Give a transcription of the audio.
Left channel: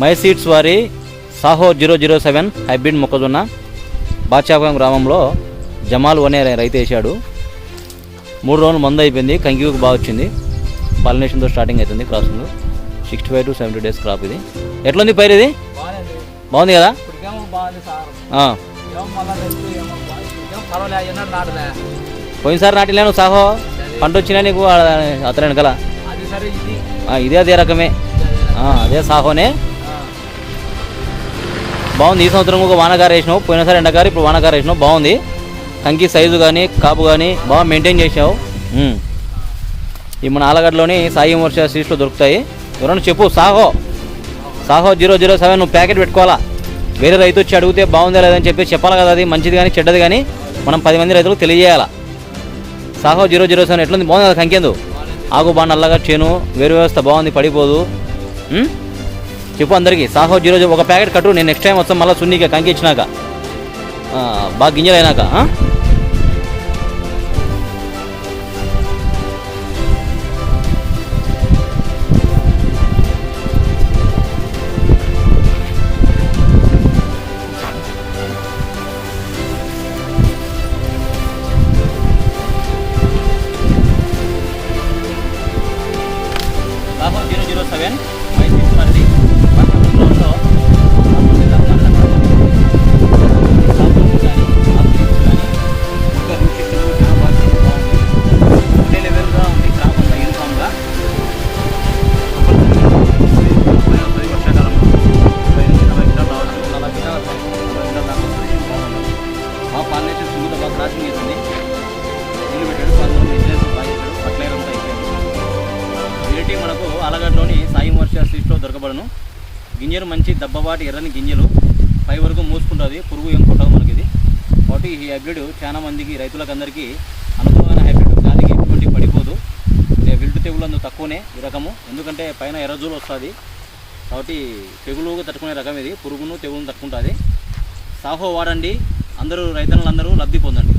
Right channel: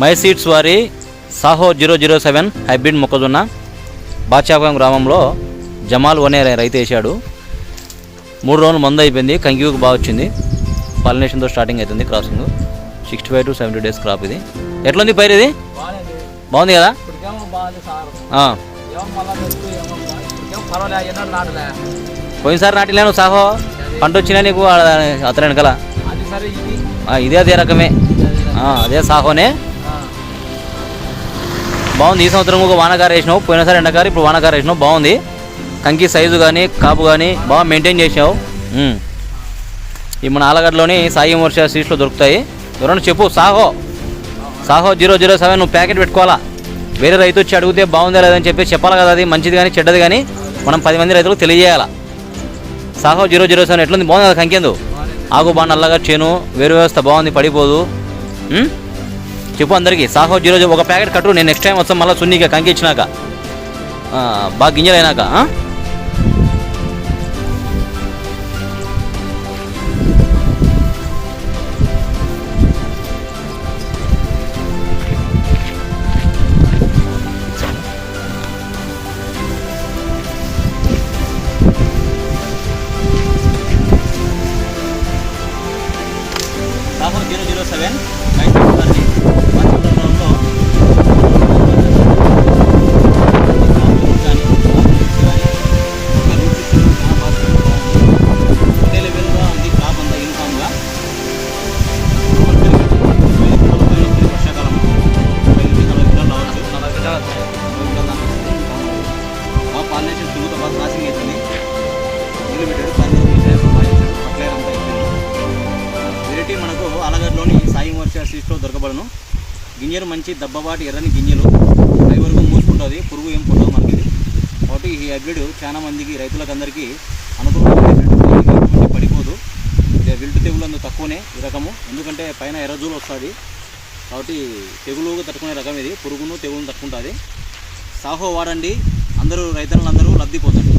My seeds వారి Saaho 007 hybrid మొక్కజొన్న బాచాపురం గ్రామంలో జమాల్ అనే రైతు వేసాడు. 3 రోజులు మందు అయిపోయింది. కంకికి బాగా వచ్చింది. పాలినేషన్తో స్టార్టింగ్ అవుతుంది. Crossing 65 to 70 days crop. ఇది ఎట్లుంది పైరు? ఇది బాగుంది కదా. పోయినసారి నాటిలేను సాహో పంట వచ్చినా నీకు అతను వెనకాల ఇదే అదే రకమే, అదే సాహోనే బాగుంది. ఈ సంవత్సరం ఒక వానకారు వేసినావు, పోయినసారి ఎండకారు, ఇప్పుడు వానకారు వేసినావు. బాగుంది. కంకి సైజు కానీ కాపు కానీ బాగా మెయింటైన్ చేసావు. ఈ మన ఆలగడ్డలోని సాయి వర్ష సీట్స్లో దొరుకుతాయి. ఎవరైనా చెప్పు. సాహో 007 నువ్వు ప్యాకెట్ పెట్టుకోవాలా. వేరే రైతు వచ్చి అడిగితే బాగుందా లేదని చెప్పి చెప్పాలి కదా. అది మంచిది కానీ చెడ్డది కానీ మనం 10 మంది రైతులకు తెలియజేయాలా. సాహో 007 ఎట్లుంది? బాగుంది కదా. కంకేందు ఆకు బాగా నల్లగా చేను, వేరు వ్యవస్థ బాగుంది, పడిపోదు. చెప్పు అందరికీ. సాహో 007 ఒక ప్యాకెట్ కట్టు. నేను నెక్స్ట్ టైం వస్తాను మళ్ళీ సున్నీగా కంకి ఇచ్చినాక బాగా గింజలు అయినాక. సాహో 007 మైసూర్ గారిని వాతావరణంలో న్యూట్రిషన్ చాలా బాగుంది. ఒకటే లెవెల్గా ఉంది. క్రాప్ అంతా యూనిఫామ్గా వర్షాకాలం 35 40 కిలోలు రావచ్చు. 40 కిలోలు దాకా వస్తుంది. బాగా పాలినేషన్ స్మూత్ బాగా క్రాసింగ్ అవుతుంది. నీళ్ళు పెట్టాడు, కానీ బిజినెస్ బాగా ఇచ్చాడు. ఫర్టిలైజర్ అంతా అయిపోయింది. వెరైటీ మనకు ఆలగడ్డలోని సాయి వర్ష సీడ్స్లో దొరకబడను. గింజలు మంచి దబ్బబాటి ఎర్రని గింజలు, పై వరకు మూసుకుంటుంది. పురుగు ఏం పుట్టదు మనకి ఇది. కాబట్టి ఈ హైబ్రిడ్ చాలా మందికి రైతులకు అందరికీ అనుకూలమైన హైబ్రిడ్. దానికి ఎటువంటి పడిపోదు. విల్టు తెగులు తక్కువనే ఈ రకము, ఎందుకంటే పైన ఎర్రజూలు వస్తుంది. కాబట్టి తెగులు తట్టుకునే రకం ఇది. పురుగును తెగులను తట్టుకుంటుంది. సాహో వాడండి. అందరూ రైతులందరూ లబ్ధి పొందండి.